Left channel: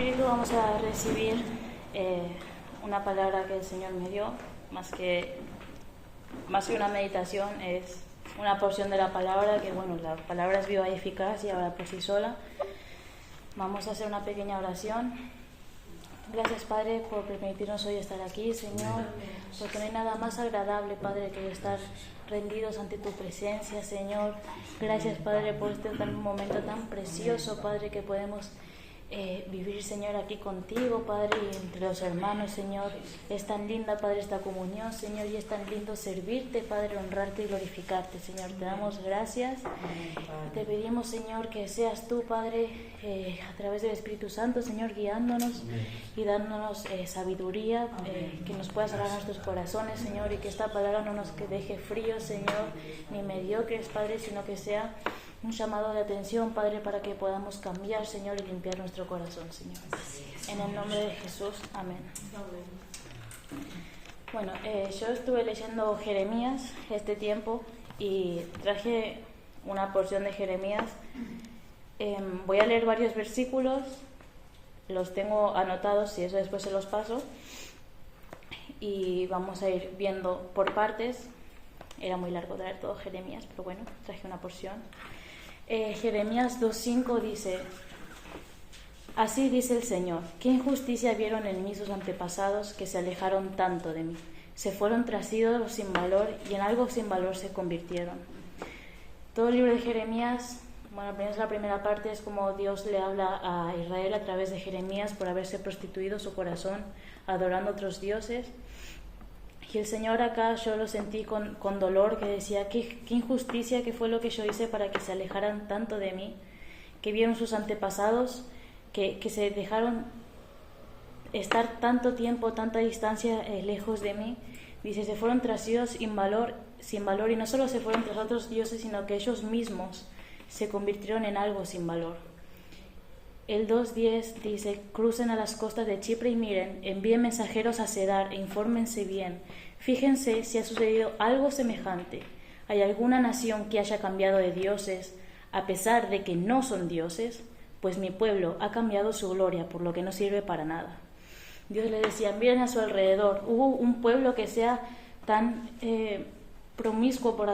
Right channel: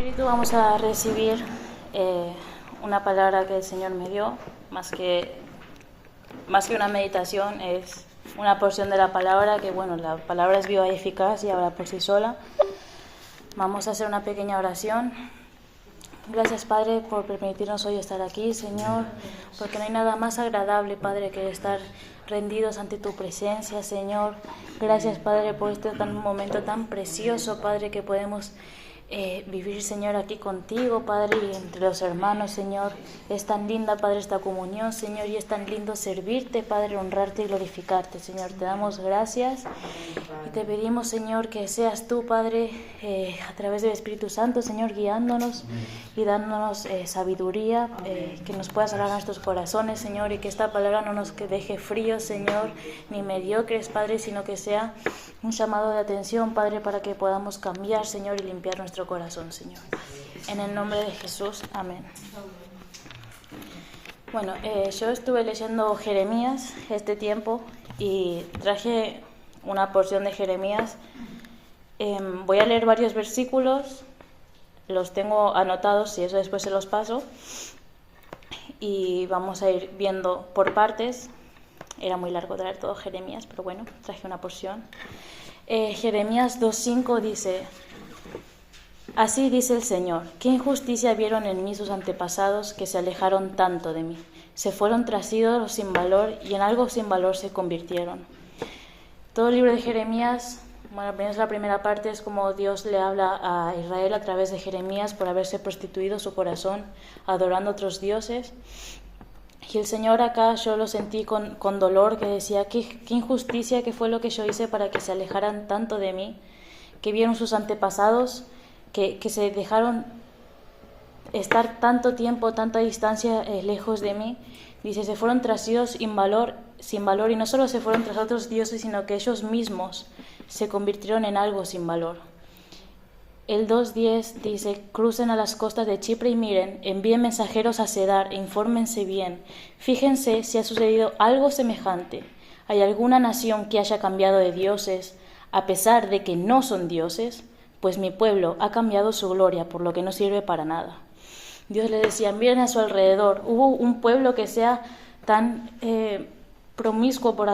Espíritu, vamos a recibir una palabra que el Señor me dio, más que una meditación, es una porción de la palabra que, bueno, la palabra es viva y eficaz y habla por sí sola. Vamos a hacer una pequeña oración. Gracias, Padre, por permitirnos hoy estar aquí, Señor, porque no hay nada más agradable, Padre, que estar rendidos ante tu presencia, Señor. Gracias, Padre, por este momento tan precioso, Padre, que podemos vivir, Señor, aquí contigo, Padre, y entre los hermanos, Señor. Es tan linda, Padre, esta comunión, Señor, y es tan lindo servirte, Padre, honrarte y glorificarte, Señor. Te damos gracias y te pedimos, Señor, que seas tú, Padre, a través del Espíritu Santo, Señor, guiándonos y dándonos sabiduría, que nos puedas hablar a nuestros corazones, Señor, y que esta palabra no nos deje fríos, Señor, ni mediocres, Padre, sino que sea un llamado de atención, Padre, para que podamos cambiar, Señor, y limpiar nuestro corazón, Señor. En el nombre de Jesús, amén. Bueno, yo estuve leyendo Jeremías este tiempo y traje una porción de Jeremías. Voy a leer varios versículos, los tengo anotados y eso después se los paso. Y vamos a ir viendo por partes. Era muy largo traer todo Jeremías, pero bueno, traje una porción. Jeremías 2:5 dice: Así dice el Señor, ¿qué injusticia vieron en mí sus antepasados que se alejaron tanto de mí? Se fueron tras ídolos sin valor y en algo sin valor se convirtieron. Todo el libro de Jeremías, bueno, apenas la primera parte es como Dios le habla a Israel a través de Jeremías por haberse prostituido su corazón adorando a otros dioses. Y el Señor acá yo lo sentí con dolor, que decía, qué injusticia, qué fue lo que yo hice para que se alejaran tanto de mí, que vieron sus antepasados, que se dejaron estar tanto tiempo, tanta distancia lejos de mí. Dice, se fueron tras Dios sin valor, y no solo se fueron tras otros dioses, sino que ellos mismos se convirtieron en algo sin valor. El 2:10 dice, crucen a las costas de Chipre y miren, envíen mensajeros a Cedar e infórmense bien. Fíjense si ha sucedido algo semejante. ¿Hay alguna nación que haya cambiado de dioses a pesar de que no son dioses? Pues mi pueblo ha cambiado su gloria por lo que no sirve para nada. Dios le decía, miren a su alrededor. ¿Hubo un pueblo que sea tan promiscuo por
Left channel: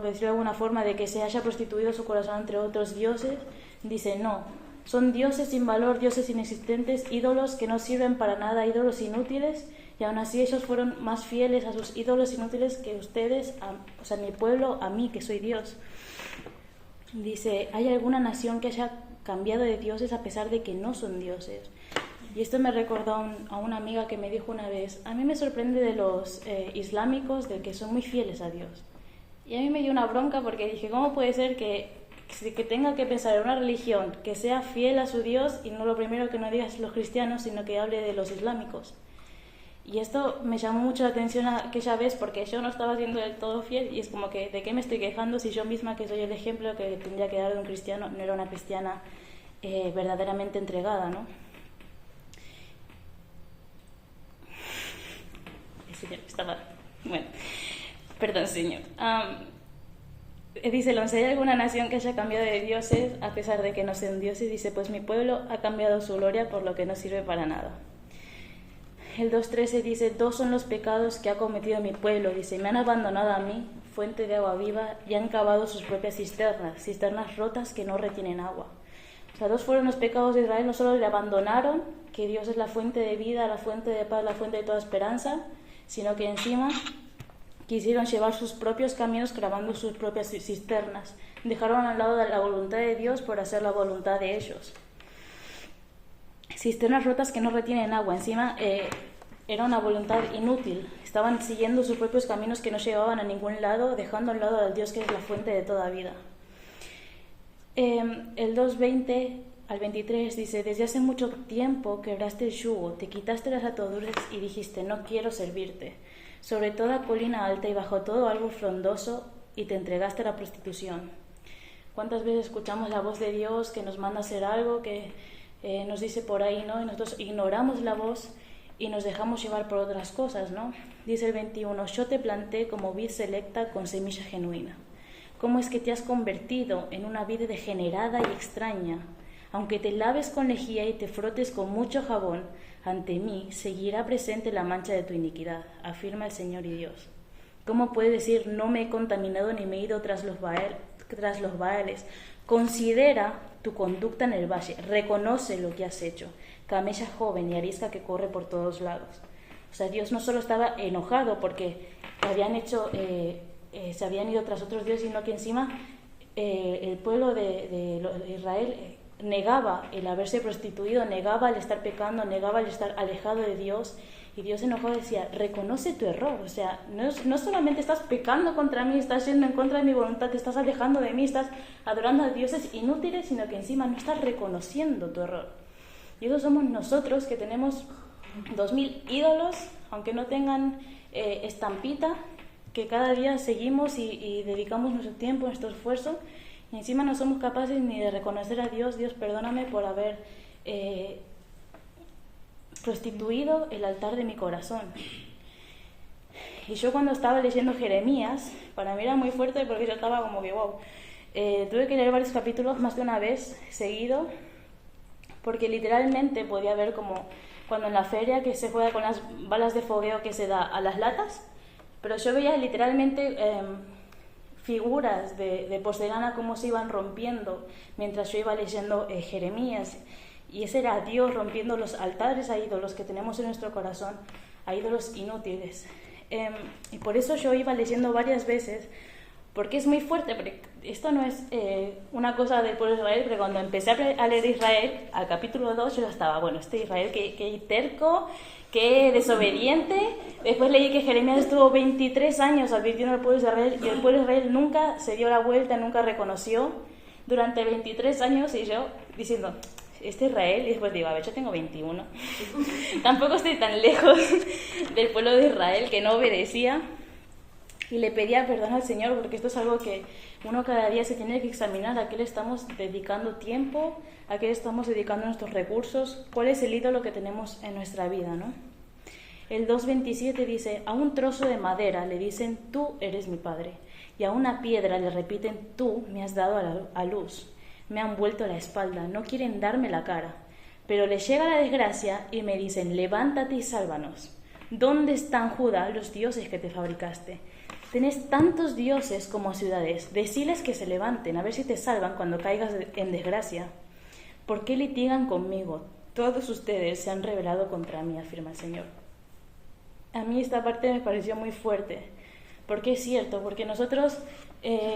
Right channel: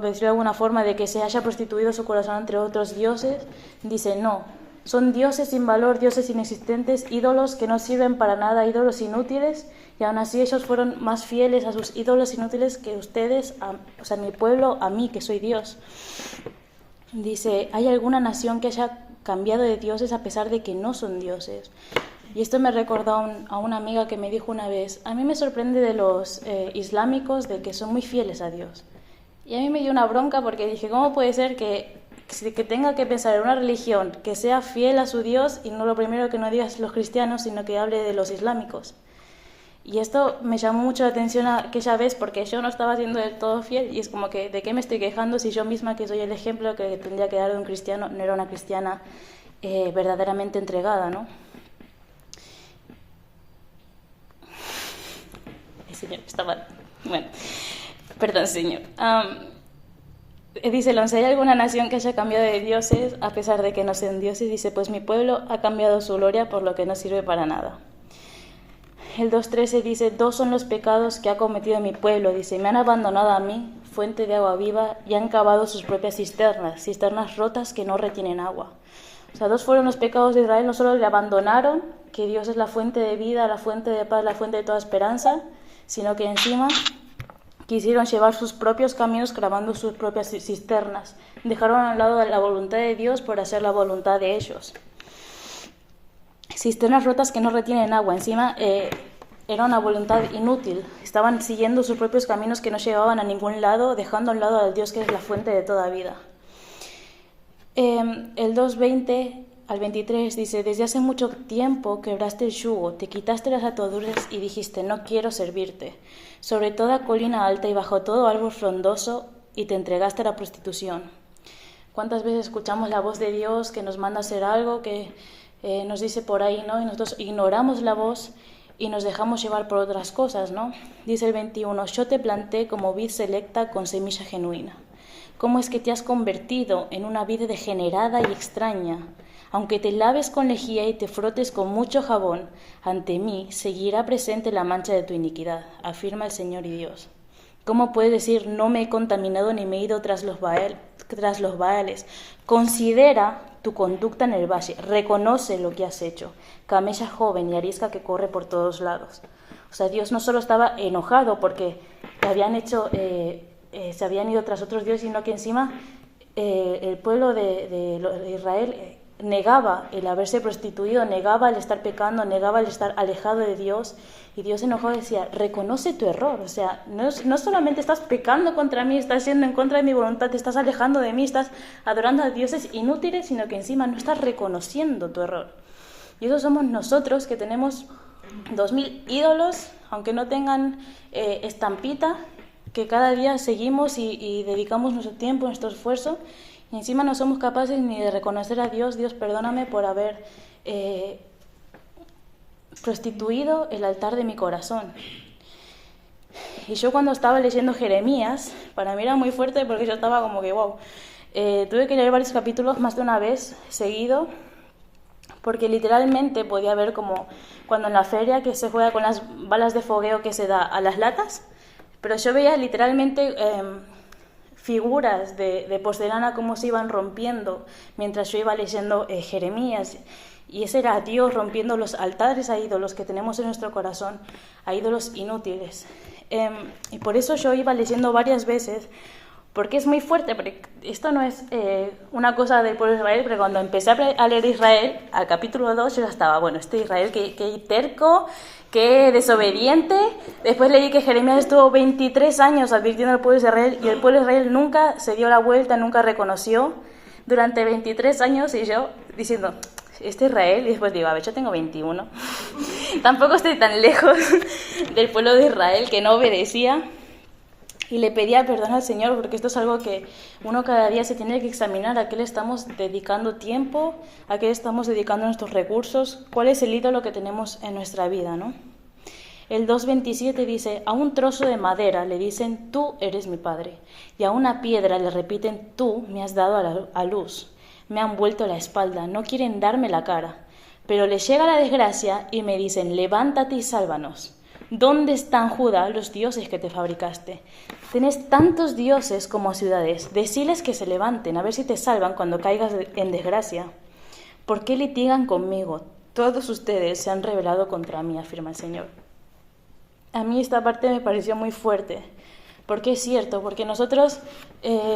decirlo de alguna forma, de que se haya prostituido su corazón entre otros dioses? Dice, no. Son dioses sin valor, dioses inexistentes, ídolos que no sirven para nada, ídolos inútiles, y aún así ellos fueron más fieles a sus ídolos inútiles que ustedes, o sea, mi pueblo, a mí, que soy Dios. Dice, ¿hay alguna nación que haya cambiado de dioses a pesar de que no son dioses? Y esto me recordó a una amiga que me dijo una vez, a mí me sorprende de los islámicos de que son muy fieles a Dios. Y a mí me dio una bronca porque dije, ¿cómo puede ser que tenga que pensar en una religión que sea fiel a su Dios y no lo primero que no diga es los cristianos, sino que hable de los islámicos? Y esto me llamó mucho la atención aquella vez porque yo no estaba siendo del todo fiel y es como que, ¿de qué me estoy quejando si yo misma, que soy el ejemplo que tendría que dar de un cristiano, no era una cristiana verdaderamente entregada, ¿no? El Señor estaba... Bueno, perdón, Señor. Dice, ¿hay alguna nación que haya cambiado de dioses a pesar de que no sean dioses? Dice, pues mi pueblo ha cambiado su gloria por lo que no sirve para nada. El 2:13 dice, dos son los pecados que ha cometido mi pueblo. Dice, me han abandonado a mí, fuente de agua viva, y han cavado sus propias cisternas rotas que no retienen agua. O sea, dos fueron los pecados de Israel, no solo le abandonaron, que Dios es la fuente de vida, la fuente de paz, la fuente de toda esperanza, sino que encima quisieron llevar sus propios caminos cavando sus propias cisternas. Dejaron a un lado la voluntad de Dios por hacer la voluntad de ellos. Cisternas rotas que no retienen agua. Encima era una voluntad inútil. Estaban siguiendo sus propios caminos que no llevaban a ningún lado, dejando a un lado al Dios que es la fuente de toda vida. El 2:20 al 23 dice, desde hace mucho tiempo quebraste el yugo, te quitaste las ataduras y dijiste, no quiero servirte. Sobre toda colina alta y bajo todo árbol frondoso, y te entregaste a la prostitución. ¿Cuántas veces escuchamos la voz de Dios que nos manda a hacer algo, que nos dice por ahí, ¿no? Y nosotros ignoramos la voz y nos dejamos llevar por otras cosas, ¿no? Dice el 21, yo te planté como vid selecta con semilla genuina. ¿Cómo es que te has convertido en una vid degenerada y extraña? Aunque te laves con lejía y te frotes con mucho jabón, ante mí seguirá presente la mancha de tu iniquidad, afirma el Señor y Dios. ¿Cómo puedes decir, no me he contaminado ni me he ido tras los Baales? Considera tu conducta en el valle, reconoce lo que has hecho, camella joven y arisca que corre por todos lados. O sea, Dios no solo estaba enojado porque se habían ido tras otros dioses, sino que encima el pueblo de Israel negaba el haberse prostituido, negaba el estar pecando, negaba el estar alejado de Dios. Y Dios enojado decía, reconoce tu error. O sea, no solamente estás pecando contra mí, estás yendo en contra de mi voluntad, te estás alejando de mí, estás adorando a dioses inútiles, sino que encima no estás reconociendo tu error. Y eso somos nosotros, que tenemos 2000 ídolos, aunque no tengan estampita, que cada día seguimos y dedicamos nuestro tiempo, nuestro esfuerzo, y encima no somos capaces ni de reconocer a Dios. Dios, perdóname por haber prostituido el altar de mi corazón. Y yo cuando estaba leyendo Jeremías, para mí era muy fuerte porque yo estaba como que wow, tuve que leer varios capítulos más de una vez seguido, porque literalmente podía ver como cuando en la feria que se juega con las balas de fogueo que se da a las latas, pero yo veía literalmente figuras de porcelana como se iban rompiendo mientras yo iba leyendo Jeremías. Y ese era Dios rompiendo los altares a ídolos que tenemos en nuestro corazón, a ídolos inútiles. Y por eso yo iba leyendo varias veces, porque es muy fuerte. Porque esto no es una cosa del pueblo de Israel, pero cuando empecé a leer Israel, al capítulo 2, yo ya estaba, bueno, este Israel que terco, que desobediente. Después leí que Jeremías estuvo 23 años advirtiendo al pueblo de Israel, y el pueblo de Israel nunca se dio la vuelta, nunca reconoció durante 23 años, y yo diciendo, este Israel, y después digo, a ver, yo tengo 21, tampoco estoy tan lejos del pueblo de Israel que no obedecía, y le pedía perdón al Señor, porque esto es algo que uno cada día se tiene que examinar, a qué le estamos dedicando tiempo, a qué le estamos dedicando nuestros recursos, cuál es el ídolo que tenemos en nuestra vida, ¿no? El 2.27 dice, a un trozo de madera le dicen, tú eres mi padre, y a una piedra le repiten, tú me has dado a luz. Me han vuelto la espalda, no quieren darme la cara. Pero les llega la desgracia y me dicen, levántate y sálvanos. ¿Dónde están, Judá, los dioses que te fabricaste? Tenés tantos dioses como ciudades. Deciles que se levanten, a ver si te salvan cuando caigas en desgracia. ¿Por qué litigan conmigo? Todos ustedes se han rebelado contra mí, afirma el Señor. A mí esta parte me pareció muy fuerte. Porque es cierto, porque nosotros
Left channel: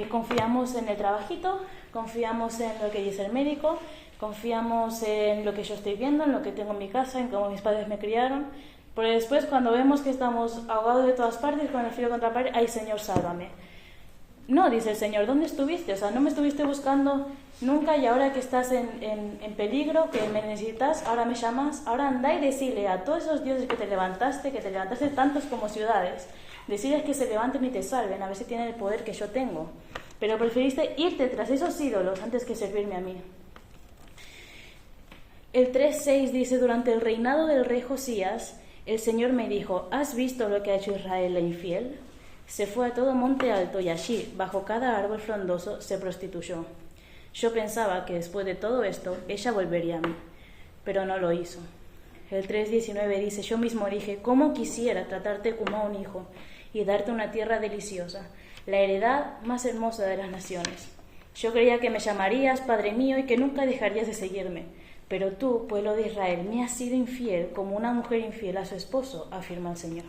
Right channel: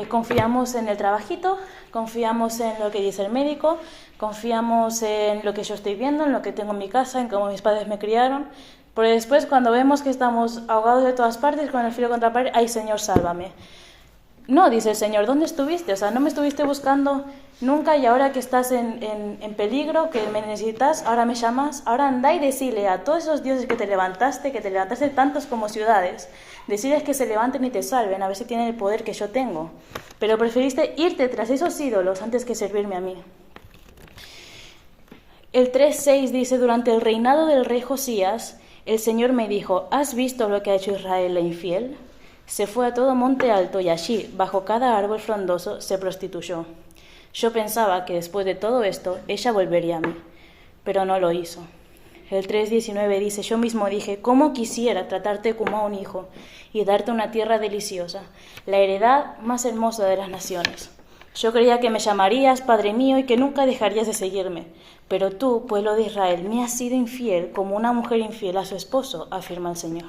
confiamos en el trabajito, confiamos en lo que dice el médico, confiamos en lo que yo estoy viendo, en lo que tengo en mi casa, en cómo mis padres me criaron, pero después cuando vemos que estamos ahogados de todas partes, con el filo contra la pared, ¡ay, Señor, sálvame! No, dice el Señor, ¿dónde estuviste? O sea, no me estuviste buscando nunca, y ahora que estás en peligro, que me necesitas, ahora me llamas. Ahora anda y decile a todos esos dioses que te levantaste tantos como ciudades, deciles que se levanten y te salven, a ver si tienen el poder que yo tengo. Pero preferiste irte tras esos ídolos antes que servirme a mí. El 3.6 dice, durante el reinado del rey Josías, el Señor me dijo, ¿has visto lo que ha hecho Israel la infiel? Se fue a todo monte alto y allí, bajo cada árbol frondoso, se prostituyó. Yo pensaba que después de todo esto, ella volvería a mí, pero no lo hizo. El 3.19 dice, yo mismo dije, ¿cómo quisiera tratarte como a un hijo y darte una tierra deliciosa, la heredad más hermosa de las naciones? Yo creía que me llamarías Padre mío y que nunca dejarías de seguirme, pero tú, pueblo de Israel, me has sido infiel como una mujer infiel a su esposo, afirma el Señor.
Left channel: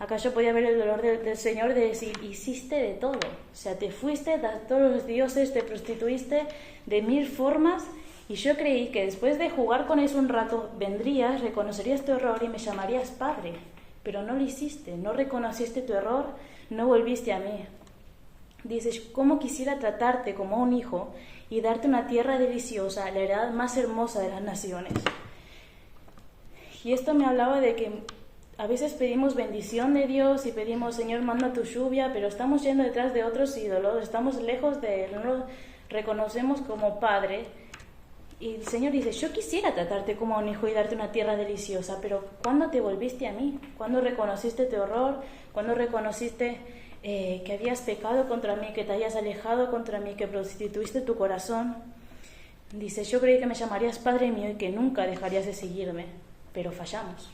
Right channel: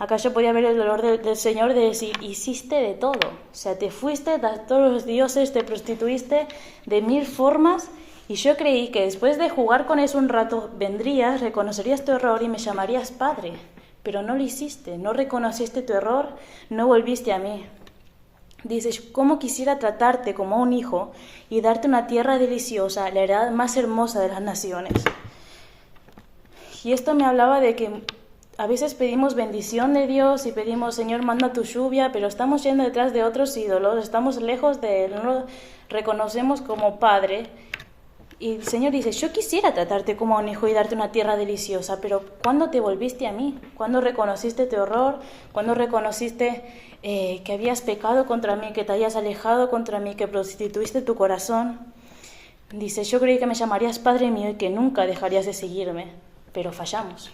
Acá yo podía ver el dolor del Señor de decir, hiciste de todo. O sea, te fuiste a todos los dioses, te prostituiste de 1000 formas, y yo creí que después de jugar con eso un rato, vendrías, reconocerías tu error y me llamarías Padre. Pero no lo hiciste, no reconociste tu error, no volviste a mí. Dices, ¿cómo quisiera tratarte como a un hijo y darte una tierra deliciosa, la heredad más hermosa de las naciones? Y esto me hablaba de que a veces pedimos bendición de Dios y pedimos, Señor, manda tu lluvia, pero estamos yendo detrás de otros ídolos, estamos lejos de Él, no lo reconocemos como Padre. Y el Señor dice, yo quisiera tratarte como a un hijo y darte una tierra deliciosa, pero ¿cuándo te volviste a mí? ¿Cuándo reconociste tu error? ¿Cuándo reconociste que habías pecado contra mí, que te hayas alejado contra mí, que prostituiste tu corazón? Dice, yo creí que me llamarías Padre mío y que nunca dejarías de seguirme, pero fallamos.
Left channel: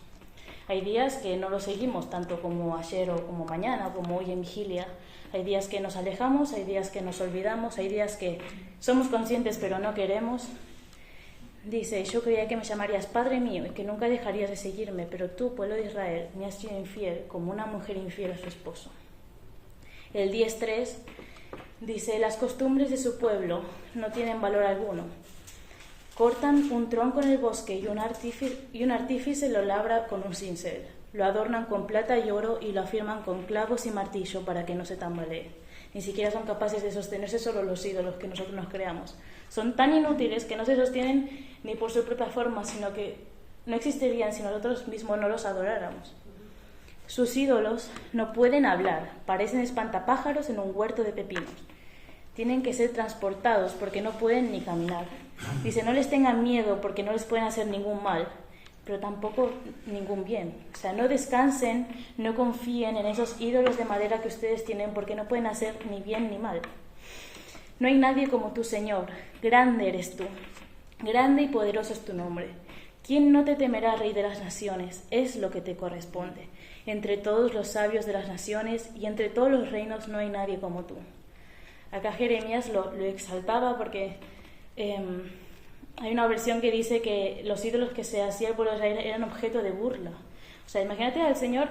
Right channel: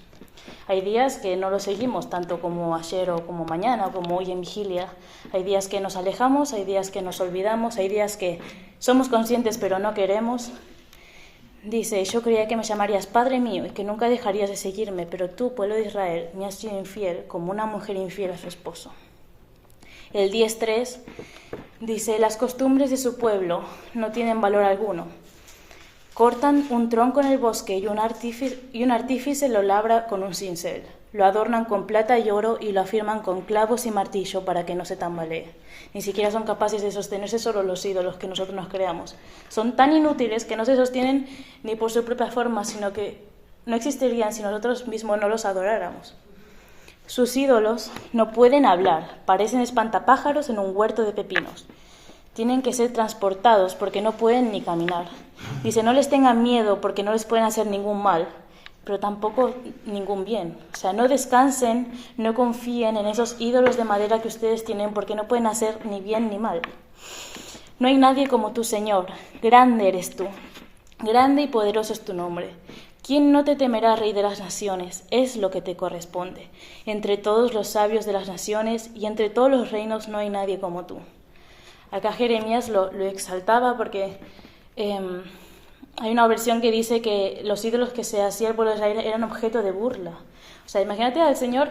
Hay días que no lo seguimos tanto como ayer o como mañana, como hoy en vigilia. Hay días que nos alejamos, hay días que nos olvidamos, hay días que somos conscientes pero no queremos. Dice, yo creía que me llamarías Padre mío y que nunca dejarías de seguirme, pero tú, pueblo de Israel, me has sido infiel como una mujer infiel a su esposo. El 10.3 dice, las costumbres de su pueblo no tienen valor alguno. Cortan un tronco en el bosque y un artífice lo labra con un cincel. Lo adornan con plata y oro y lo afirman con clavos y martillo para que no se tambalee. Ni siquiera son capaces de sostenerse solo los ídolos que nosotros nos creamos. Son tan inútiles que no se sostienen ni por su propia forma, sino que no existirían si nosotros mismos no los adoráramos. Sus ídolos no pueden hablar, parecen espantapájaros en un huerto de pepinos. Tienen que ser transportados porque no pueden ni caminar. Dice, no les tengan miedo porque no les pueden hacer ningún mal, pero tampoco ningún bien. O sea, no descansen, no confíen en esos ídolos de madera que ustedes tienen porque no pueden hacer ni bien ni mal. No hay nadie como tú, Señor. Grande eres tú. Grande y poderoso es tu nombre. ¿Quién no te temerá, Rey de las Naciones? Es lo que te corresponde. Entre todos los sabios de las naciones y entre todos los reinos no hay nadie como tú. Acá Jeremías lo exaltaba porque hay una versión que dice que los ídolos que se hacía el pueblo de Israel eran objeto de burla. O sea, imagínate al Señor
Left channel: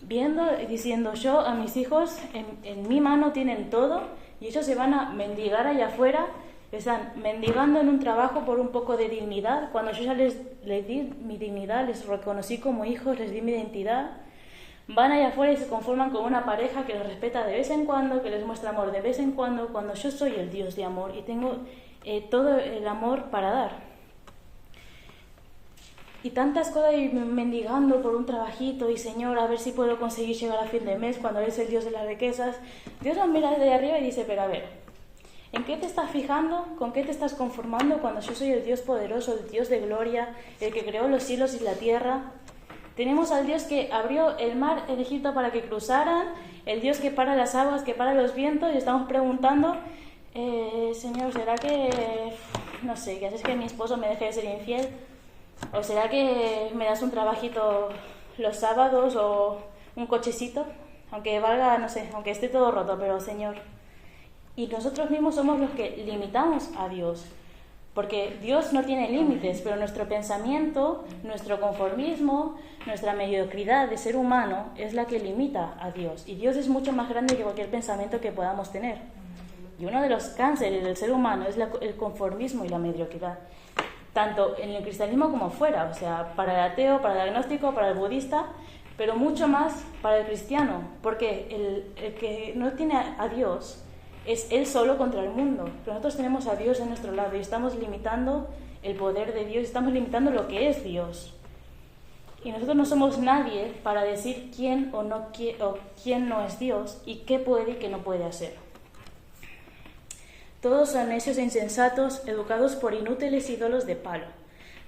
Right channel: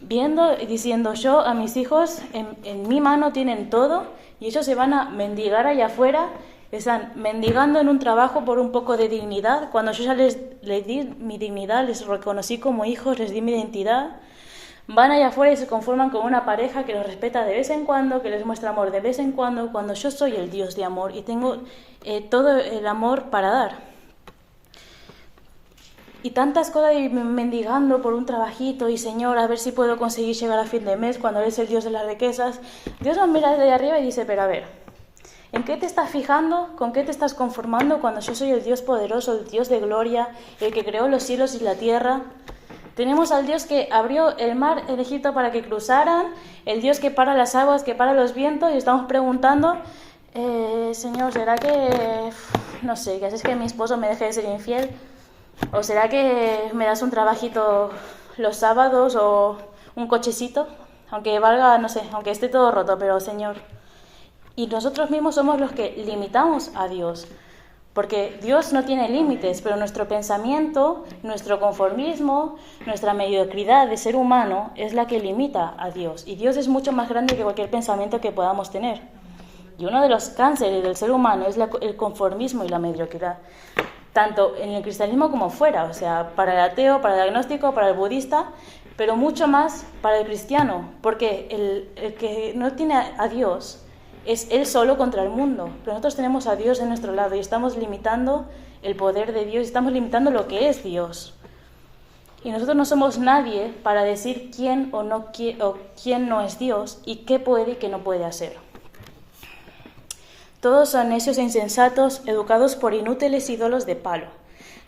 viendo y diciendo, yo a mis hijos en mi mano tienen todo y ellos se van a mendigar allá afuera, están mendigando en un trabajo por un poco de dignidad, cuando yo ya les di mi dignidad, les reconocí como hijos, les di mi identidad. Van allá afuera y se conforman con una pareja que los respeta de vez en cuando, que les muestra amor de vez en cuando yo soy el Dios de amor y tengo todo el amor para dar. Y tantas cosas mendigando por un trabajito y Señor, a ver si puedo conseguir llegar a fin de mes cuando eres el Dios de las riquezas. Dios nos mira desde arriba y dice, pero a ver, ¿en qué te estás fijando? ¿Con qué te estás conformando cuando yo soy el Dios poderoso, el Dios de gloria, el que creó los cielos y la tierra? Tenemos al Dios que abrió el mar en Egipto para que cruzaran, el Dios que para las aguas, que para los vientos, y estamos preguntando, Señor, ¿será que, no sé, que haces que mi esposo me deje de ser infiel? ¿O será que me das un trabajito los sábados o un cochecito? Aunque valga, no sé, aunque esté todo roto, pero Señor. Y nosotros mismos somos los que limitamos a Dios. Porque Dios no tiene límites, pero nuestro pensamiento, nuestro conformismo, nuestra mediocridad de ser humano es la que limita a Dios. Y Dios es mucho más grande que cualquier pensamiento que podamos tener. Y uno de los cánceres del ser humano es el conformismo y la mediocridad. Tanto en el cristianismo como fuera, o sea, para el ateo, para el agnóstico, para el budista, pero mucho más para el cristiano. Porque el que no tiene a Dios es él solo contra el mundo, pero nosotros tenemos a Dios de nuestro lado y estamos limitando el poder de Dios, estamos limitando lo que es Dios. Y nosotros no somos nadie para decir quién o quién no es Dios y qué puede y qué no puede hacer. Todos son necios e insensatos, educados por inútiles ídolos de palo.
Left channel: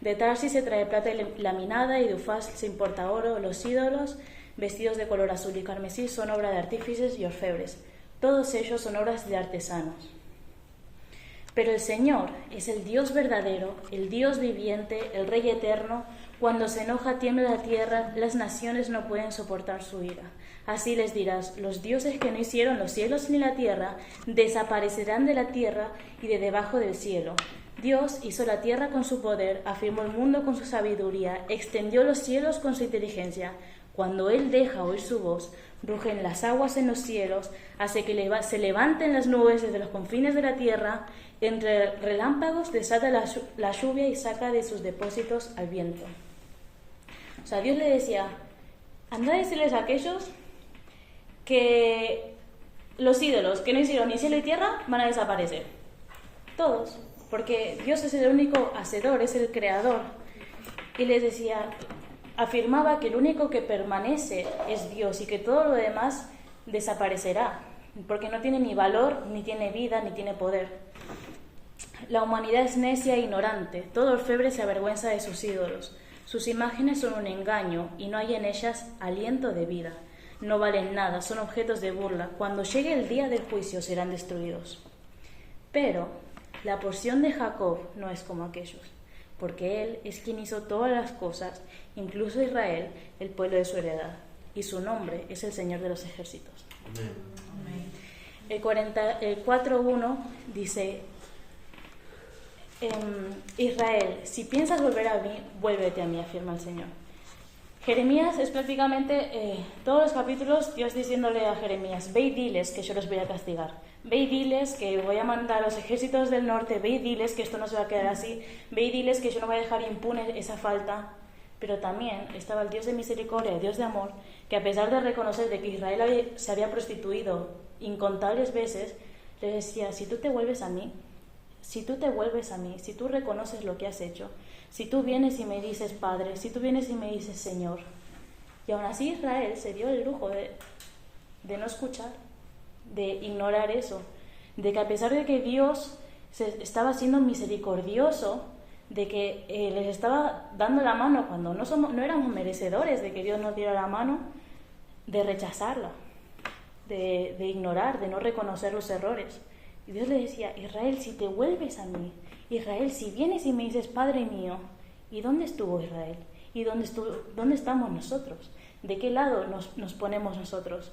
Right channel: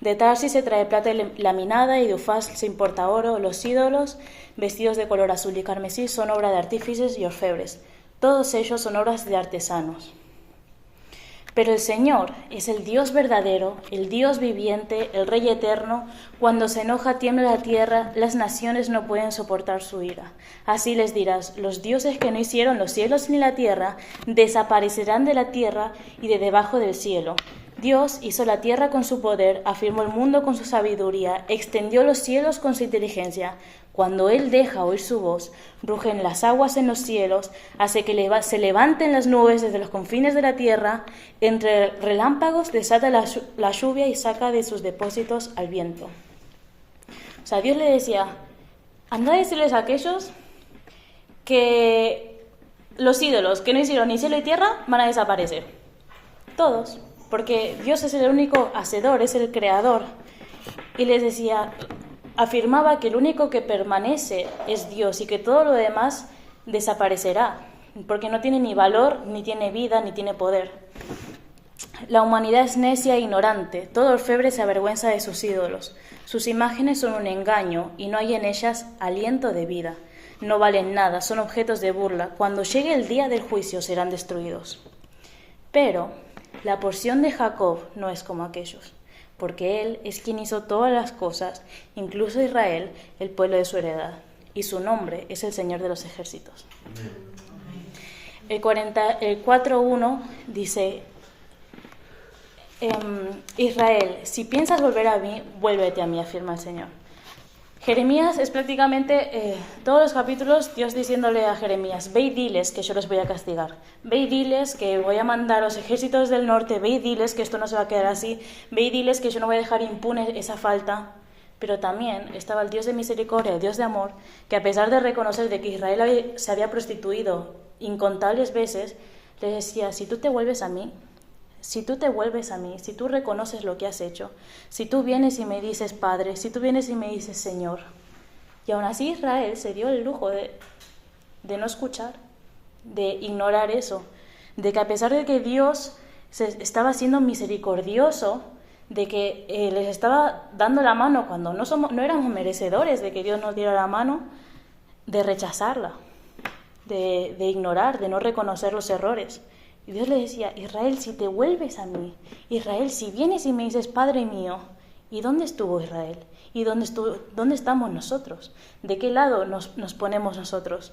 De Tarsis se trae plata laminada y de Ufaz se importa oro. Los ídolos, vestidos de color azul y carmesí, son obra de artífices y orfebres. Todos ellos son obras de artesanos. Pero el Señor es el Dios verdadero, el Dios viviente, el Rey eterno. Cuando se enoja tiembla la tierra, las naciones no pueden soportar su ira. Así les dirás, los dioses que no hicieron los cielos ni la tierra, desaparecerán de la tierra y de debajo del cielo. Dios hizo la tierra con su poder, afirmó el mundo con su sabiduría, extendió los cielos con su inteligencia. Cuando Él deja oír su voz, rugen las aguas en los cielos, hace que se levanten las nubes desde los confines de la tierra, entre relámpagos desata la lluvia y saca de sus depósitos al viento. O sea, Dios le decía, anda a decirles a aquellos que los ídolos que no hicieron ni cielo ni tierra van a desaparecer. Todos, porque Dios es el único hacedor, es el creador. Y les decía, afirmaba que el único que permanece es Dios y que todo lo demás desaparecerá, porque no tiene ni valor, ni tiene vida, ni tiene poder. La humanidad es necia e ignorante, todo orfebre se avergüenza de sus ídolos. Sus imágenes son un engaño y no hay en ellas aliento de vida. No valen nada, son objetos de burla. Cuando llegue el día del juicio serán destruidos. Pero La porción de Jacob no es como aquellos, porque él es quien hizo todas las cosas, incluso Israel, el pueblo de su heredad, y su nombre es el Señor de los ejércitos. El 4:1 dice, Israel, si piensas volver a mí, vuélvete a mí, afirma el Señor. Jeremías es prácticamente todos los capítulos Dios diciéndole a Jeremías, ve y diles que yo los voy a castigar, ve y diles que voy a mandar a los ejércitos del norte, ve y diles que esto no se va a quedar así, ve y diles que yo no voy a dejar impune esa falta. Pero también estaba el Dios de misericordia, el Dios de amor, que a pesar de reconocer de que Israel se había prostituido incontables veces, le decía, si tú te vuelves a mí, si tú reconoces lo que has hecho, si tú vienes y me dices Padre, si tú vienes y me dices Señor. Y aún así Israel se dio el lujo de no escuchar, de ignorar eso, de que a pesar de que Dios estaba siendo misericordioso, de que les estaba dando la mano cuando no éramos merecedores de que Dios nos diera la mano, de rechazarla, de ignorar, de no reconocer los errores. Y Dios le decía, Israel, si te vuelves a mí, Israel, si vienes y me dices, Padre mío, ¿y dónde estuvo Israel? ¿Y dónde estamos nosotros? ¿De qué lado nos ponemos nosotros?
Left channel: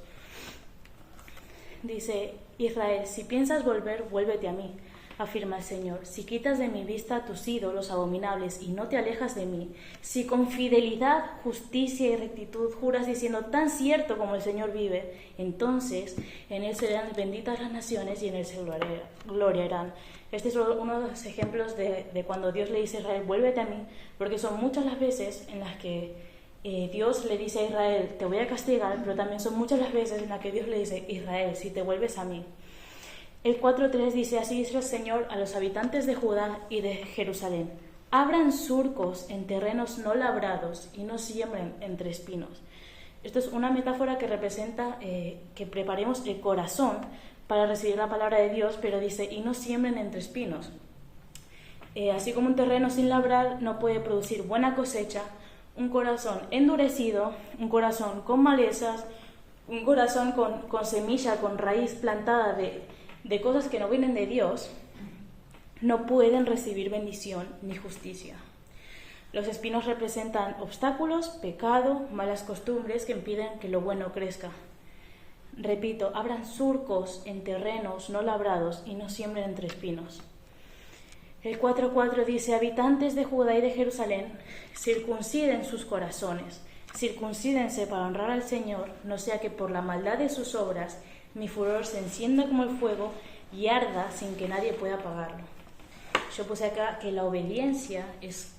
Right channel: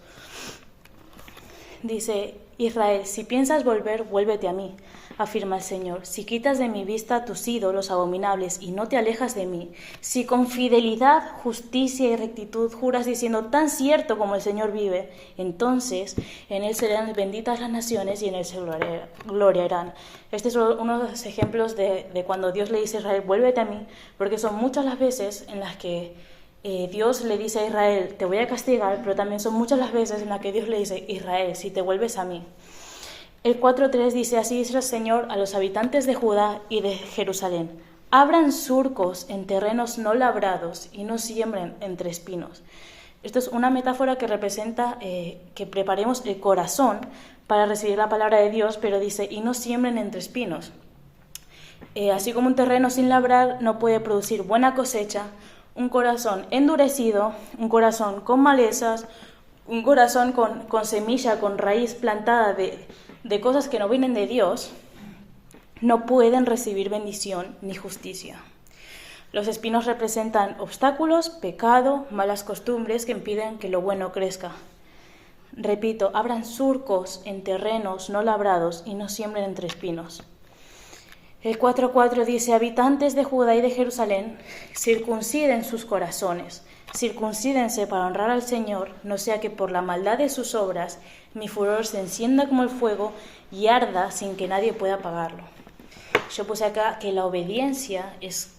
Dice, Israel, si piensas volver, vuélvete a mí, afirma el Señor. Si quitas de mi vista tus ídolos abominables y no te alejas de mí, si con fidelidad, justicia y rectitud juras diciendo tan cierto como el Señor vive, entonces en Él serán benditas las naciones y en Él se gloriarán. Este es uno de los ejemplos de cuando Dios le dice a Israel, vuélvete a mí, porque son muchas las veces en las que Dios le dice a Israel, te voy a castigar, pero también son muchas las veces en las que Dios le dice, Israel, si te vuelves a mí. El 4:3 dice, así dice el Señor a los habitantes de Judá y de Jerusalén, abran surcos en terrenos no labrados y no siembren entre espinos. Esto es una metáfora que representa que preparemos el corazón para recibir la palabra de Dios, pero dice, y no siembren entre espinos. Así como un terreno sin labrar no puede producir buena cosecha, un corazón endurecido, un corazón con malezas, un corazón con semilla, con raíz plantada de cosas que no vienen de Dios, no pueden recibir bendición ni justicia. Los espinos representan obstáculos, pecado, malas costumbres que impiden que lo bueno crezca. Repito, abran surcos en terrenos no labrados y no siembren entre espinos. El 4:4 dice, habitantes de Judá y de Jerusalén, circunciden sus corazones, circuncídense para honrar al Señor, no sea que por la maldad de sus obras mi furor se encienda como el fuego y arda sin que nadie pueda apagarlo. Yo puse acá que la obediencia es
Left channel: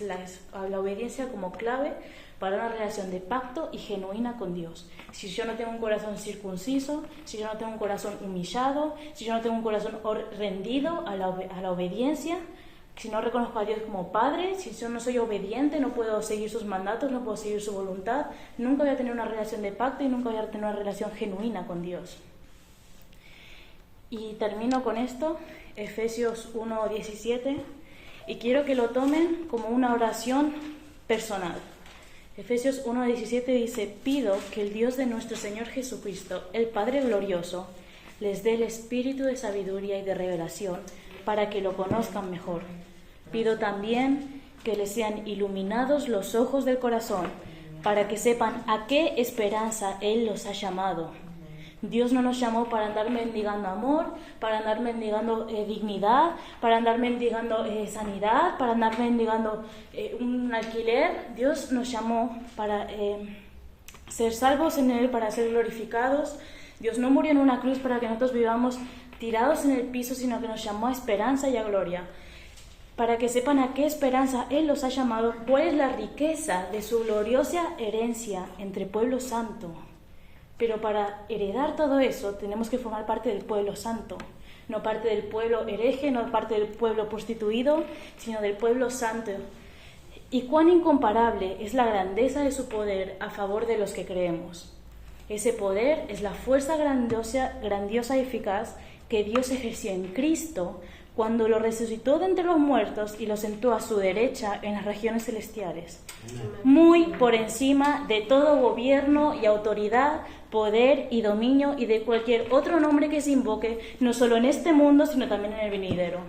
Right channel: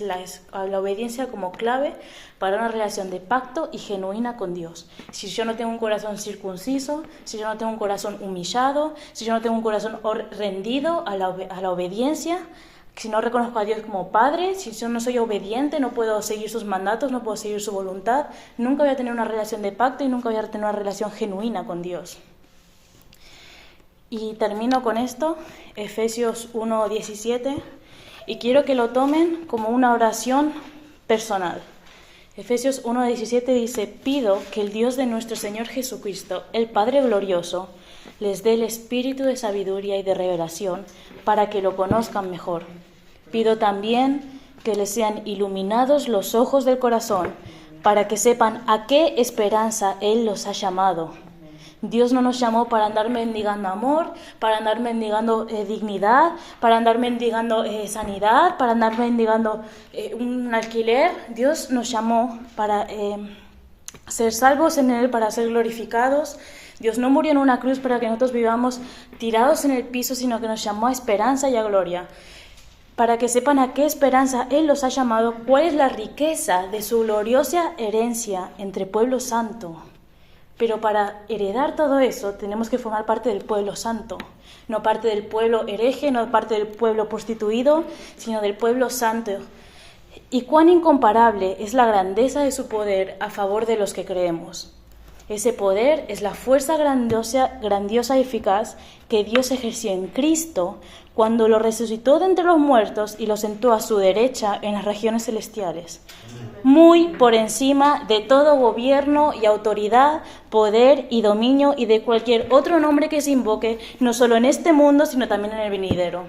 la obediencia como clave para una relación de pacto y genuina con Dios. Si yo no tengo un corazón circunciso, si yo no tengo un corazón humillado, si yo no tengo un corazón rendido a la obediencia, si no reconozco a Dios como Padre, si yo no soy obediente, no puedo seguir sus mandatos, no puedo seguir su voluntad, nunca voy a tener una relación de pacto y nunca voy a tener una relación genuina con Dios. Y termino con esto, Efesios 1:17, y quiero que lo tomen como una oración personal. Efesios 1:17 dice, pido que el Dios de nuestro Señor Jesucristo, el Padre glorioso, les dé el espíritu de sabiduría y de revelación para que lo conozcan mejor. Pido también que les sean iluminados los ojos del corazón para que sepan a qué esperanza Él los ha llamado. Dios no nos llamó para andar mendigando amor, para andar mendigando dignidad, para andar mendigando sanidad, para andar mendigando un alquiler. Dios nos llamó para ser salvos en Él, para ser glorificados. Dios no murió en una cruz para que nosotros vivamos tirados en el piso, sino que nos llamó a esperanza y a gloria. Para que sepan a qué esperanza Él los ha llamado, cuál es la riqueza de su gloriosa herencia entre pueblo santo. Pero para heredar todo eso tenemos que formar parte del pueblo santo, no parte del pueblo hereje, no parte del pueblo prostituido, sino del pueblo santo. Y cuán incomparable es la grandeza de su poder a favor de los que creemos. Ese poder es la fuerza grandiosa y eficaz que Dios ejerció en Cristo cuando lo resucitó de entre los muertos y lo sentó a su derecha en las regiones celestiales, muy por encima de todo gobierno y autoridad, poder y dominio y de cualquier otro nombre que se invoque, no solo en este mundo, sino también en el venidero.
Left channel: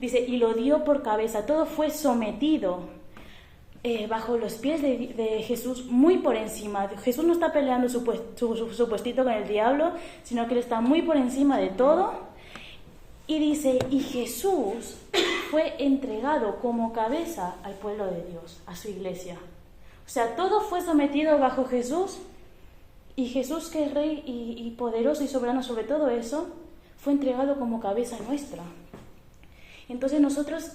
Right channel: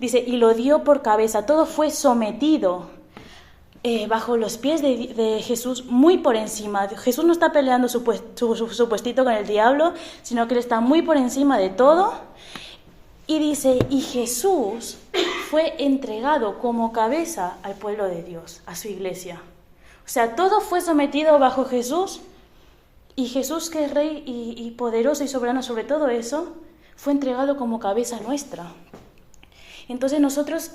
Dice, y lo dio por cabeza, todo fue sometido bajo los pies de Jesús, muy por encima. Jesús no está peleando su puestito con el diablo, sino que él está muy por encima de todo. Y dice, y Jesús fue entregado como cabeza al pueblo de Dios, a su iglesia. O sea, todo fue sometido bajo Jesús, y Jesús, que es rey y poderoso y soberano sobre todo eso, fue entregado como cabeza nuestra. Entonces nosotros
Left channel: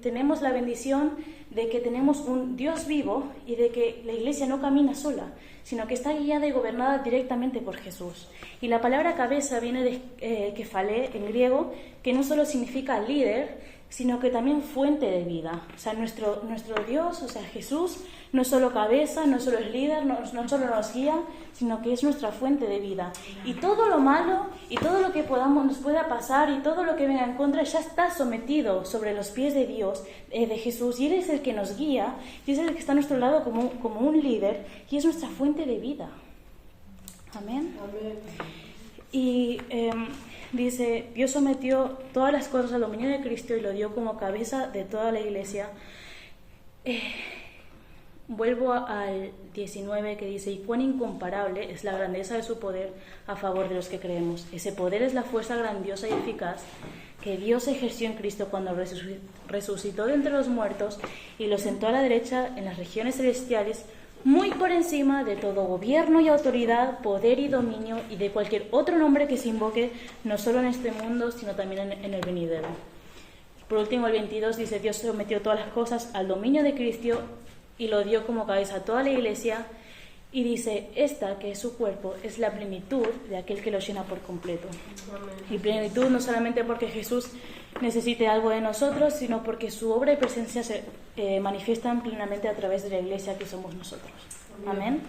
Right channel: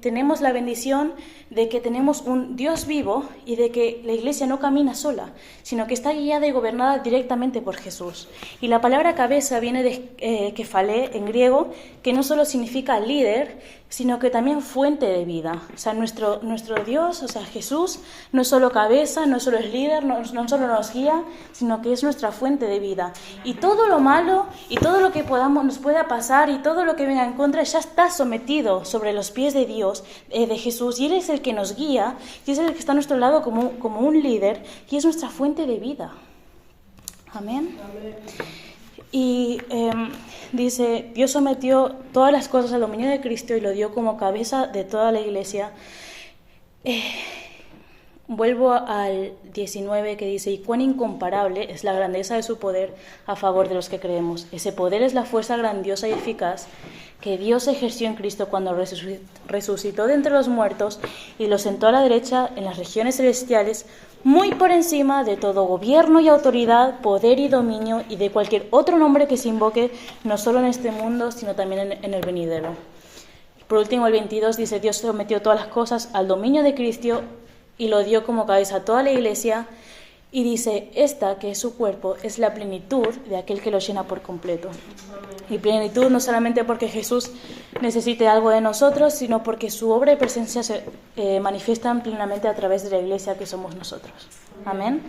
tenemos la bendición de que tenemos un Dios vivo y de que la iglesia no camina sola, sino que está guiada y gobernada directamente por Jesús. Y la palabra cabeza viene de kefalé en griego, que no solo significa líder, sino que también fuente de vida. O sea, nuestro Dios, o sea, Jesús, no es solo cabeza, no solo es líder, no solo nos guía, sino que es nuestra fuente de vida. Y todo lo malo y todo lo que nos pueda pasar y todo lo que venga en contra ya está sometido sobre los pies de Dios, de Jesús, y Él es el que nos guía, y es el que está a nuestro lado como un líder, y es nuestra fuente de vida. Amén. Y dice, Dios sometió todas las cosas al dominio de Cristo y lo dio como cabeza de toda la iglesia. Vuelvo al 19 que dice, y cuán incomparable es la grandeza de su poder a favor de los que creemos. Ese poder es la fuerza grandiosa y eficaz que Dios ejerció en Cristo cuando resucitó de entre los muertos y lo sentó a la derecha en las regiones celestiales, muy por encima de todo gobierno y autoridad, poder y dominio y de cualquier otro nombre que se invoque, no solo en este mundo, sino también en el venidero. Por último, el 22 dice, Dios sometió todas las cosas al dominio de Cristo y lo dio como cabeza a toda la iglesia, y dice, esta, que es su cuerpo, es la plenitud de aquel que lo llena por completo. Y plenitud no solamente porque Jesús necesite algo de nosotros, sino porque su obra y presencia se manifiestan plenamente a través de la iglesia que somos nosotros. Amén.